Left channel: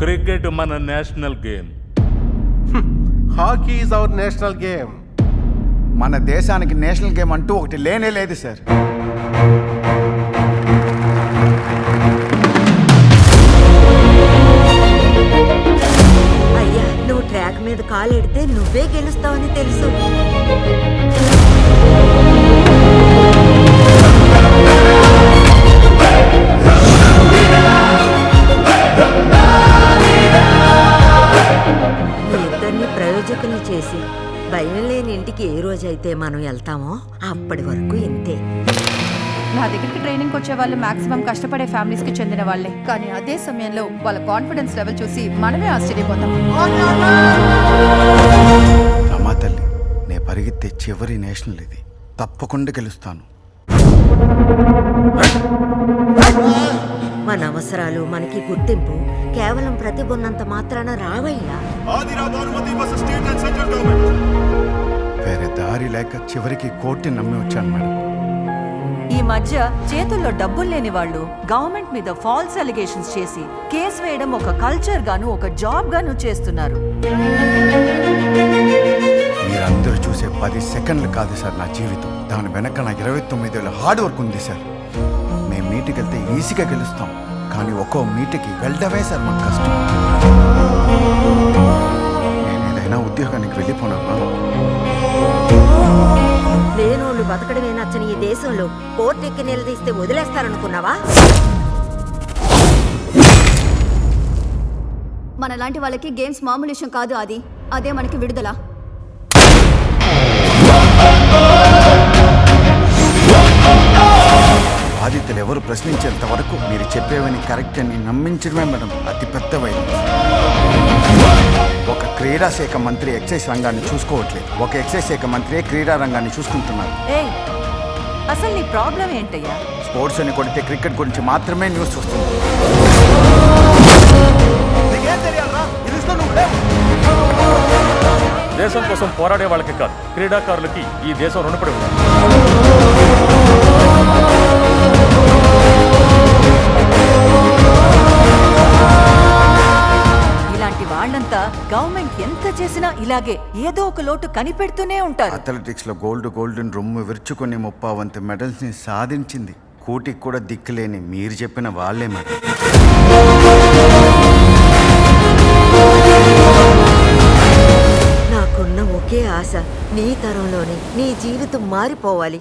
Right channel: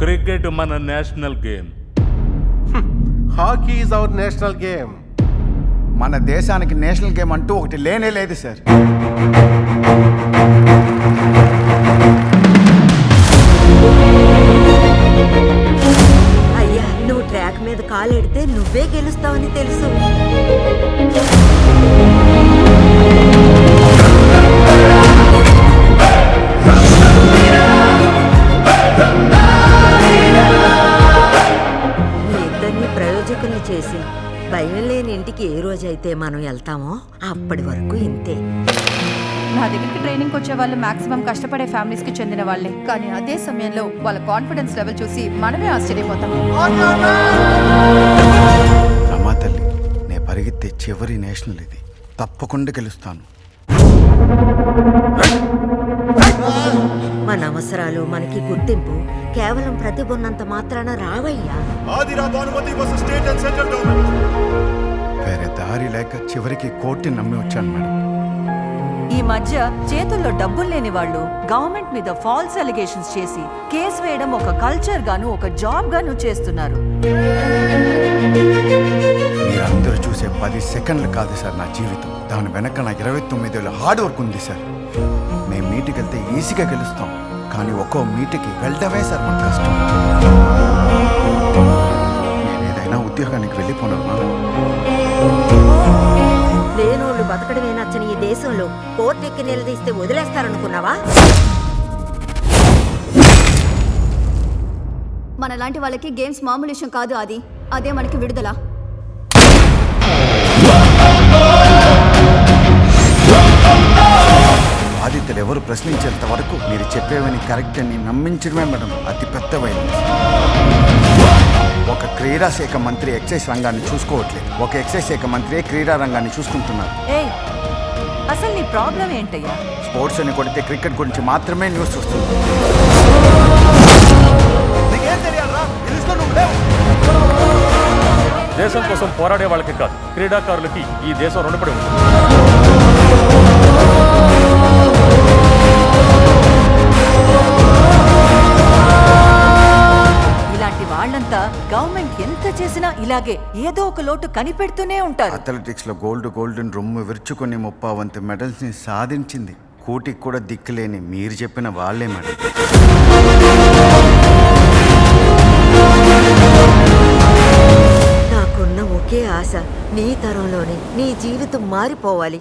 Cricket మన national game. Hockey is our national game. మన దేశానికి నేషనల్ గేమ్ అంటూ ఒకటి లేనే లేదు సార్. అయ్యా, నువ్వు ట్రాక్ మీద కాలెడితే నువ్వే గెలుస్తావని తెలుసు. మీ ఇద్దరిని ప్రయోజకుల్ని చేసి భయం లేని ఇంటికి ఏ రోజైతే మనం వెళ్తామో అప్పటి వరకు ఇంతే. నా దగ్గరికి ట్రైనింగ్ వచ్చే వాళ్ళు మాక్సిమం కష్టపడే ఫ్యామిలీస్ కి చెందిన వాళ్ళే. కానీ అదే సమయంలో వాళ్ళ కాన్ఫిడెన్స్ లెవెల్ చూసి మనమే ఆశ్చర్యపోతాం. రమా తల్లి, నే పరిగెత్తే చివరి నేషనల్ ఇది. తప్పకుండా గెలుస్తాను. మన అవసరాలు, మనకి గుర్తింపు కేవలం ప్రతిభ ఉన్నంత మాత్రాన రావయ్యా. వేరే దారి లేక చివరికి కోర్టుని నమ్మి వచ్చాను మేడం. ఈ మధ్య చేతుల్లో డబ్బులు లేని వాళ్ళు గవర్నమెంట్ మీద ఫాల్స్ అలిగేషన్స్ చేసి కేసు వేయడం ఒక కల్చర్ గాను ఒక జాబ్ గాను చేస్తున్నారు. మీరందరూ చూసే 10 సెకండ్లు కాదు సార్ నా జీవితం. దాని వెనక నా 29 ఏళ్ళ హార్డ్ వర్క్ ఉంది సార్. మేము మీటికి వెళ్తే ఈజీగా గెలుస్తాం, కానీ ఒక్కో మీటికి వెళ్ళడమే సార్ మాకు కష్టం. నేను ఏదైనా ఉద్యోగానికి వెళ్ళిపోనా? లేనోళ్ళు బతకడమే నచ్చని ఈ దేశంలో కోర్టు ఎక్కి నిలదీస్తే వదిలేస్తారనుకున్నావా? మనలాంటి వాళ్ళకి గేమ్స్ మామూలు విషయం కాదు. అదే మనకి విడుదల. బాధితులు ఎవరు ప్రశ్నించేంత వరకు మీరు చెప్పేవని కరెక్ట్ అని నమ్మించడమే మేడం అతిపెద్ద వైలెన్స్. ఒక క్రీడా శాఖ మంత్రి ఎక్సైజ్ రంగాన్ని చూసుకోవట్లేదు, ఒక ఎక్సైజ్ శాఖ మంత్రి క్రీడా రంగాన్ని చూసుకుంటున్నారు. ఏయ్, అసలు నీ ప్రాబ్లం ఏంటయ్యా? స్పోర్ట్స్ అని కొడితే క్రికెట్ గురించి మాత్రమే న్యూస్ వస్తుంది. దేశం కోసం పోరాడే వాళ్ళకి కాదు, క్రీడాకారులకి ఈ దేశం రుణపడి ఉంది. ఇలాంటి వాళ్ళంతా గవర్నమెంట్ ఎంత చేసినా ఇలాగే ఏదో ఒక లోటు కనిపెడుతూనే ఉంటారు. అథ్లెటిక్స్ లో గోల్డ్ రొమ్ము విరుచుకొని 30 మెడల్స్ ని సాధించింది కూటికి కూడా దిక్కులేని మీరు చెప్పిన వాళ్ళే మేడం. నాకున్న ఒకే ఆశ, నీ తరంలోనే నీ జీవితం మారిపోవాలి.